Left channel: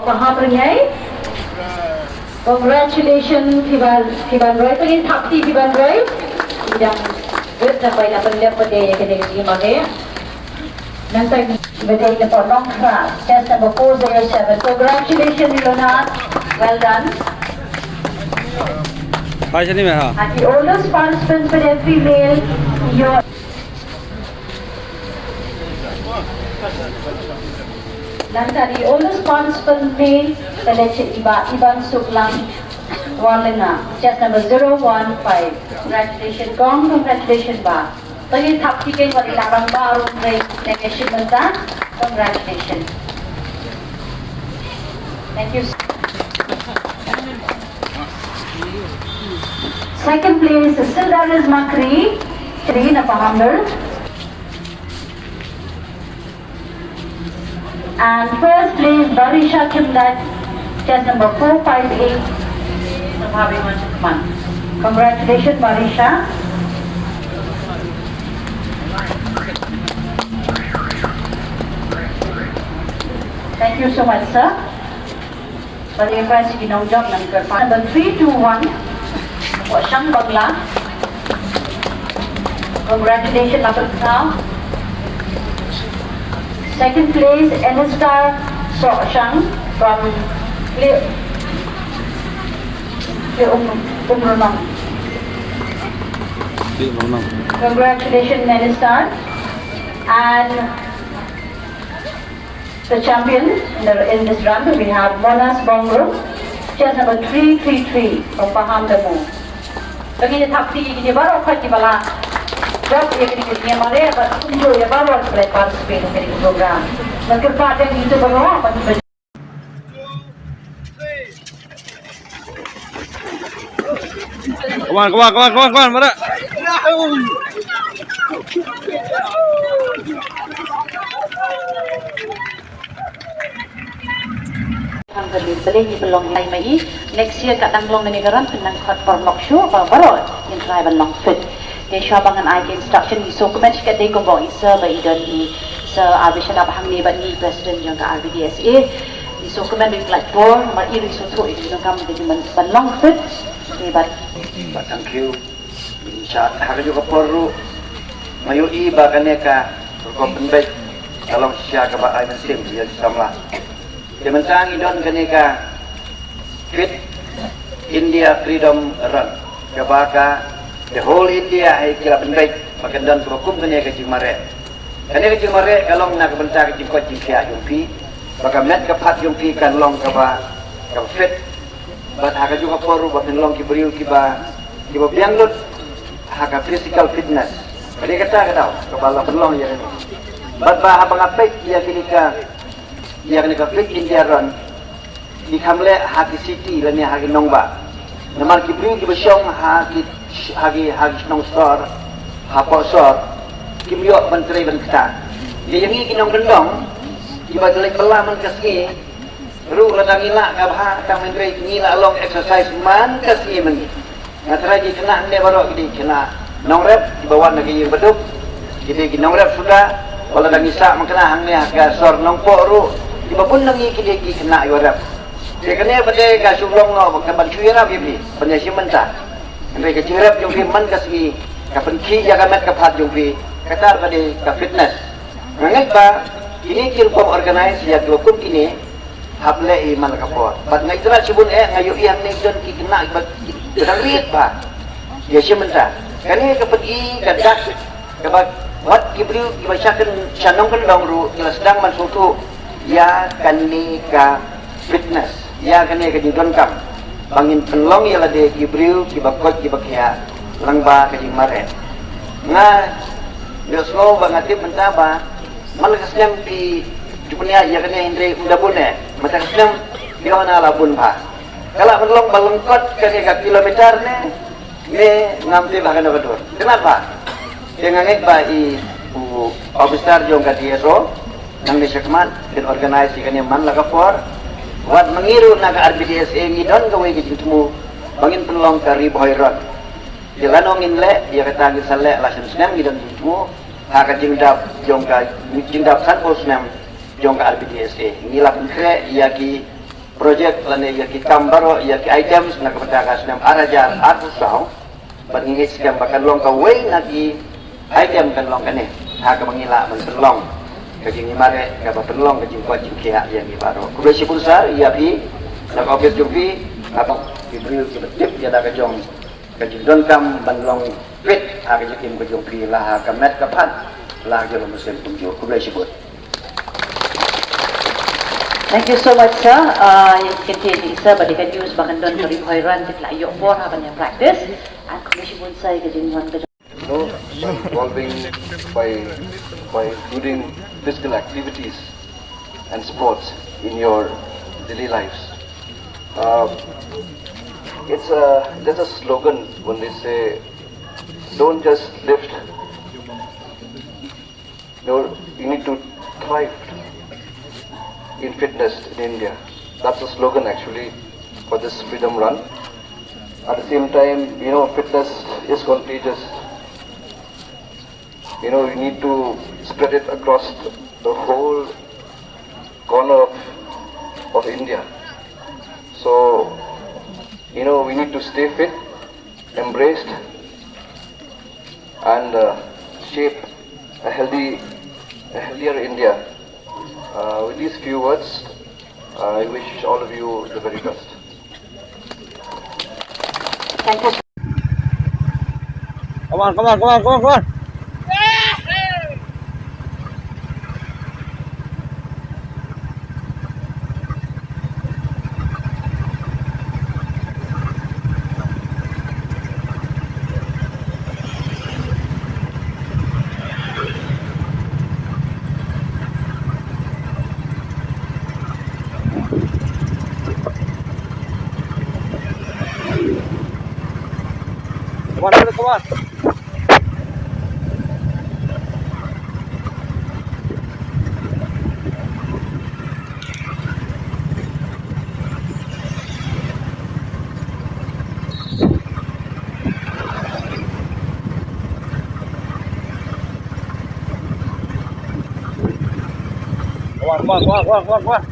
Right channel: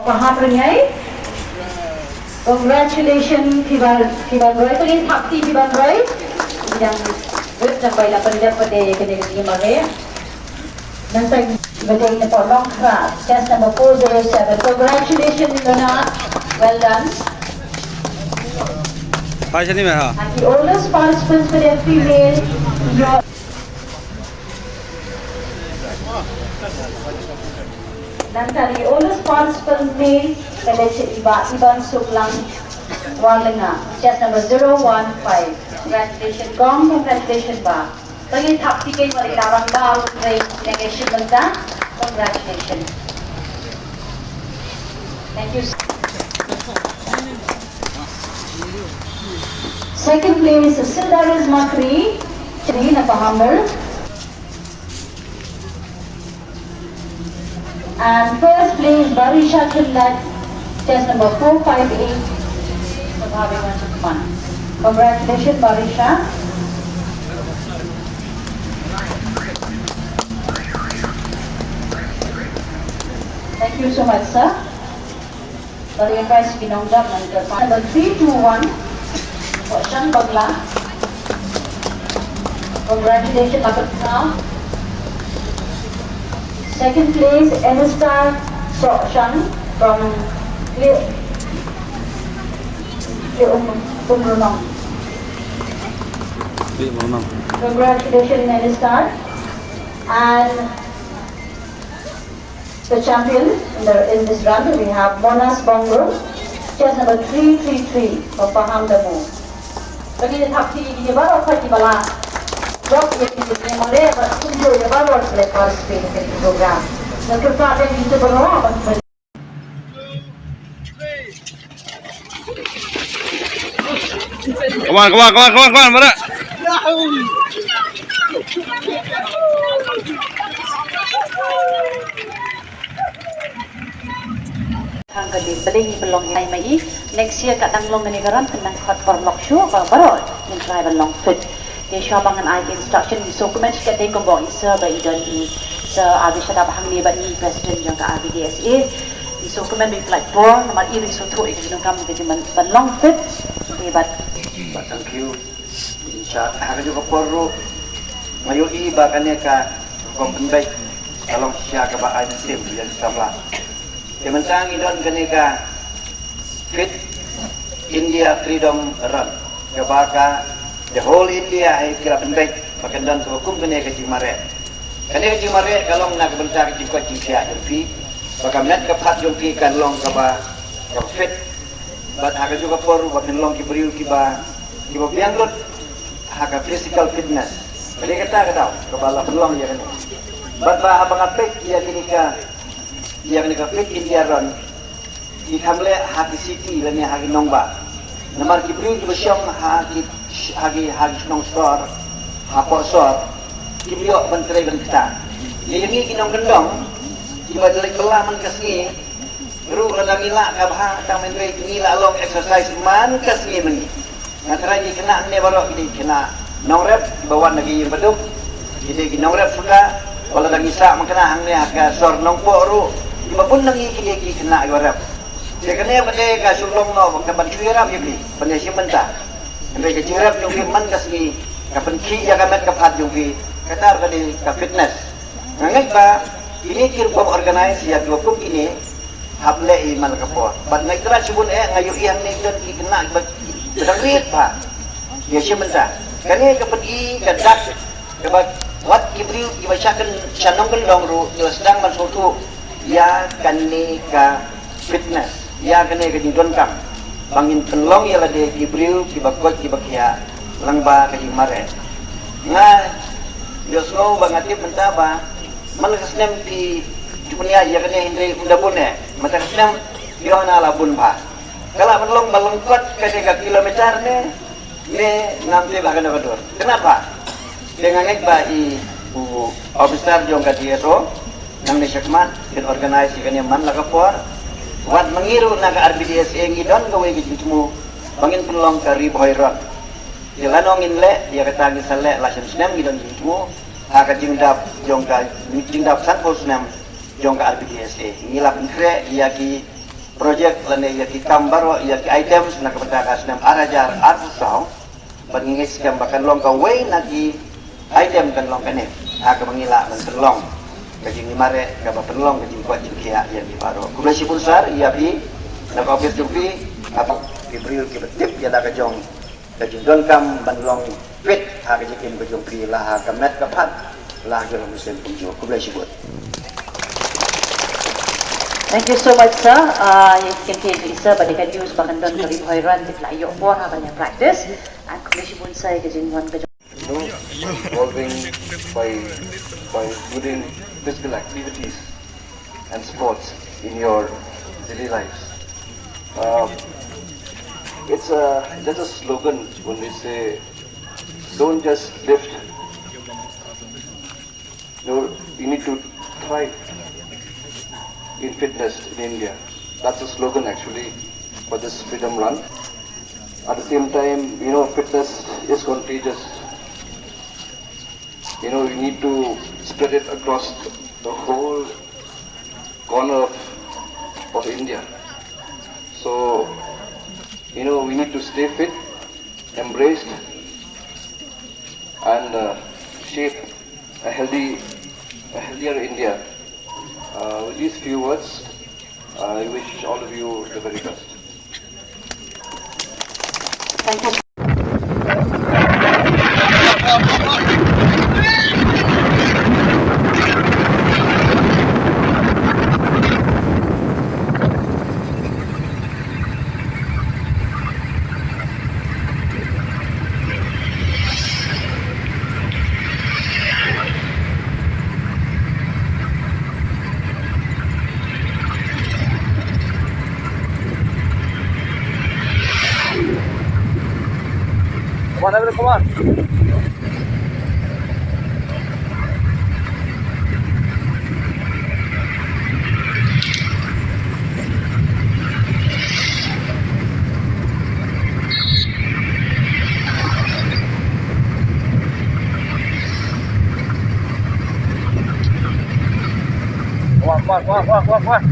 Pahamrengai. Congratulations, Piban Roy. Kali thakti Piban Roy. Yang berapa ila penlihat pada kini mage. Nanti betul ni long class. Test number 407. Congratulations, Ilona. Well done. Hi, Shani Meha. The oldest participants for the female, your Nanti the oldest participant male selection Iban Suklang Walena, chest number 015. Congratulations, Gong, congratulations, Ba. Lagi thap tikai wali labang baru try negation menta. Congratulations. Thank you. Second place is Sildaris Makri, Trina Pahamber. And first place Barisha Kimlat, chest number 458. Congratulations, Barisha. Thank you so much, sir. For the prize ginong job number 321 for Shang Bagla. Congratulations, Atul Khao. Second place, Elistar Shang from Umrunong. Congratulations, Elistar. And the champion in this round, we have Monas Bongro, chest number 333 of Paham Damu. Kami thap tinggi ni baru kaki bala. Job yang ini malah berkunjung ya baru boleh participate in the program. Mungkin pada itu baru apa? Come on, Mara. Beli belong lain mai. Next year kat danglong ni garan tenang faktor lokshu baru yang try belong fit. Dia syabangan IT instruction di dokumen sikat dia kau bawa isa bagi dan di abisada bahang ni bagi presiden yang ke RBDSA di dokumen di platform nomor ini suatu itu yang kami kejuman belong fit hebat. Thank you. Insya Allah juga perlu mayui baganeka kompenbek dalam siaga bahaya sim dia sama. Kementang idon kaneka fit India Freedom Run kebaka the whole India ay kila penbek pakandan hukum kaneka jimare. Kaneka jimare kalau nak bentar jikot jikya jumpi bakamet kapat jumpi kan long kaba fit. But aga juga perlu bapinlong kiberiu kiba biang lut aga physical fitness. Jadi kita tahu kepala penlong ya kan. But ba abang apek dia kini ka fit India Run di kamle hagi city lani hagi nongba. Namar kiberiu kibasyong hagi nong store hapo store kiberiu bentrai bentar. Dia ini kinong bendong kiba jelek belah man kasngi ru ladang ila kabha tang menteri ngila long exercise man kasngi mengi ngatrai kena ne baru gidi kena nongrep di bawah lagi yang beduk jadi nongrep sudah wala lagi sa mengkena hang ne aga sor nongpo ru di bapun lagi kini kena yorep dia kena pada ga sublong no ke ban cuirap bibi penesi menta sampai ke cuirap jumpi man kasngi kapan ki ya kamat kapat jumpi katar pada ka fitness ngangai ba ini kin kom organize ya hukum ini hable iman kapor. Bat ngai tera sibun ngayu yang ni dan kena bedang rit pa. Dia sementara. Kali ke pergi gadak ke wat kibriu dibacakan sanong pendong ru sedang mansutu ya kani ka fitness. Ya kani ke didonkam. Bangin penlong ya lade kibriu kibakot kibakya langba ke mare. Nga biaslo bangatip mentaba malakasnya di dunia ya kena indri undabune macam senang dia na labun pa kalau belum balengkot ke 3 kilometer ne ngambil bagan betul kenapa dengan ba i besar jong ka DSO nang ni sekmat dan organisasi kan man la kapor wat mengiru na ka RBDSA ngidon gawe gitmu bangin pelong ka riboiron dilanong inle ya kata gisale la senang ngidon gitmu haka jingdap jong ka jingdap 106 jong ka RBDSA ngilap ngre yaki project lani ya ki kambaro ya ki items na kapatakas nam arajar arsaw pangingis kam bakan long ka way lagi item kan long kane ha ka mangila man long kajing mare ka batalong kajing ko jing kya ya ni baro kulo si punsar ya bi na ka office jupi atau di jip ya da ka jong kajing don kam ban long fit ha ka jikin ko jong pi la ha ka met ka pat la ka lo muslim tunjuk kulo si but. Thank you so much, sir. You continue, sir, but you can use Bakandon for Hoiran to play your work and practice. And Commission will say that in one Involving by doing physical activities and sports in your daily lives. There's a slogan when they say, don't just lift. You need to thrive in fitness in India. That's a slogan actually for this Freedom Run. At the same time, fitness is contagious. We need to spread it across the whole corner of India. So, we need to stay fit, embraced, and shape a healthier India. With these few words, I wish all of you the very best. Thank you. Come on. Come on. Come on.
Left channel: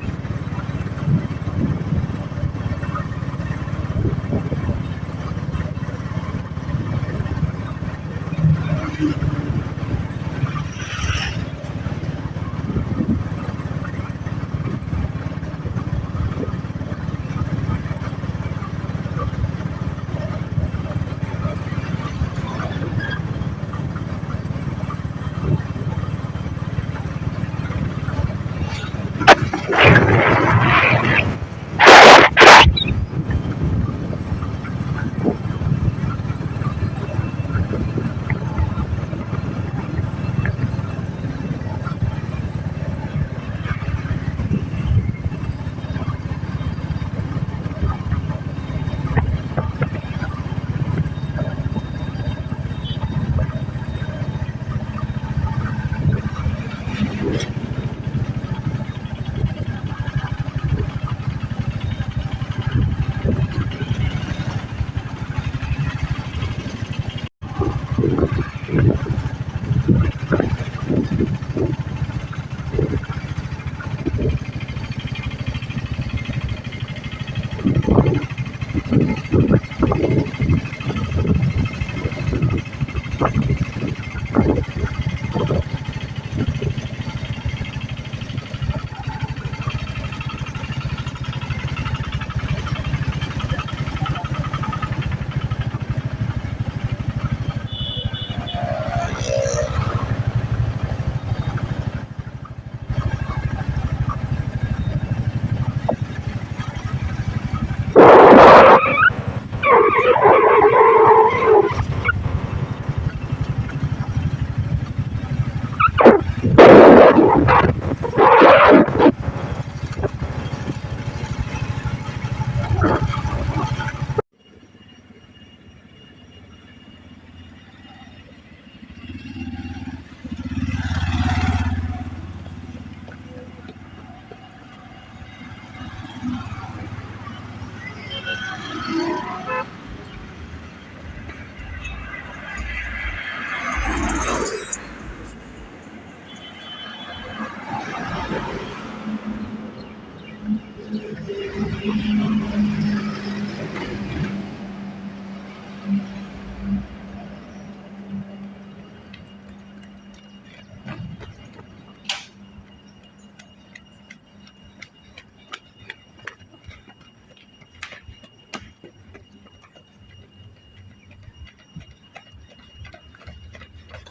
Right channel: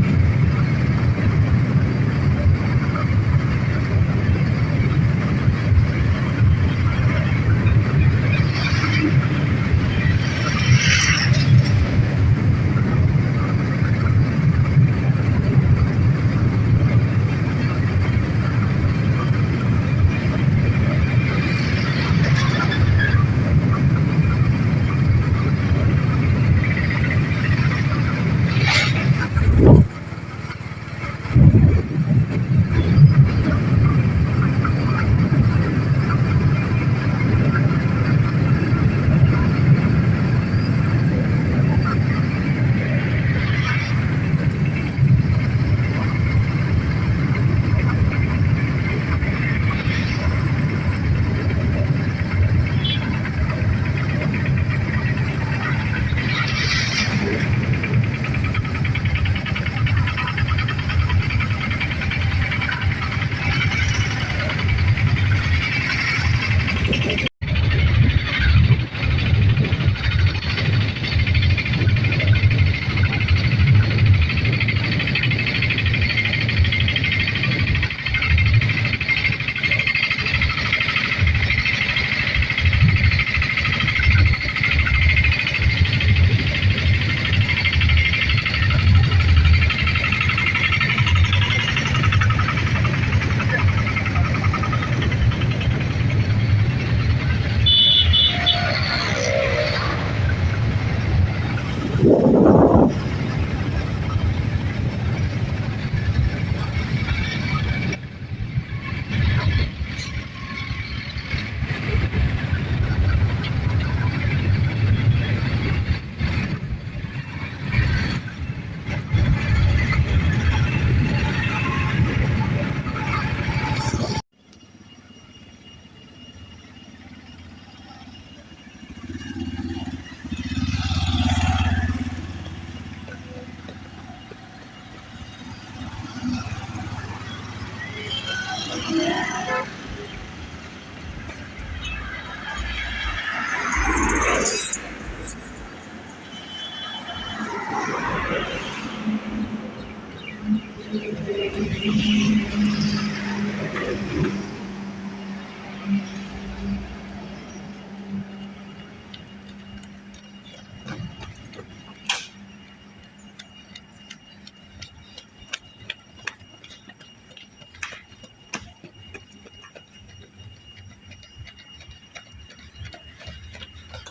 Come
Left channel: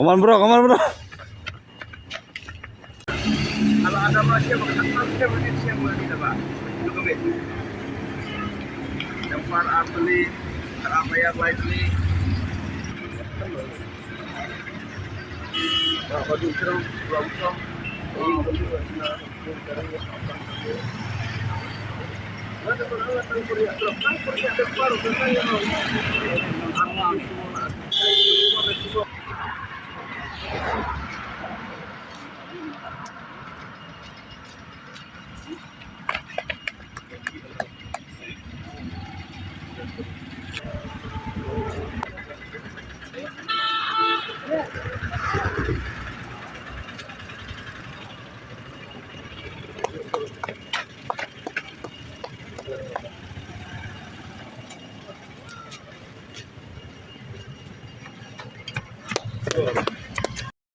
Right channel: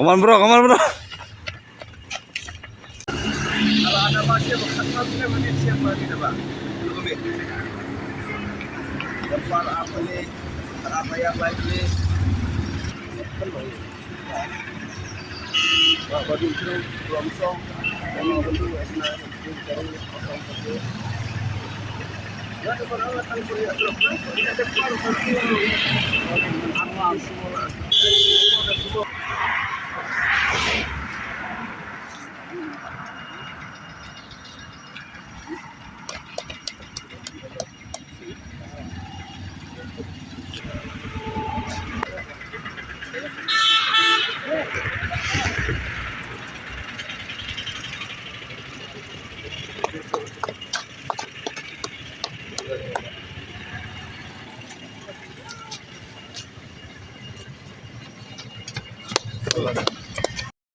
on bro, come on bro.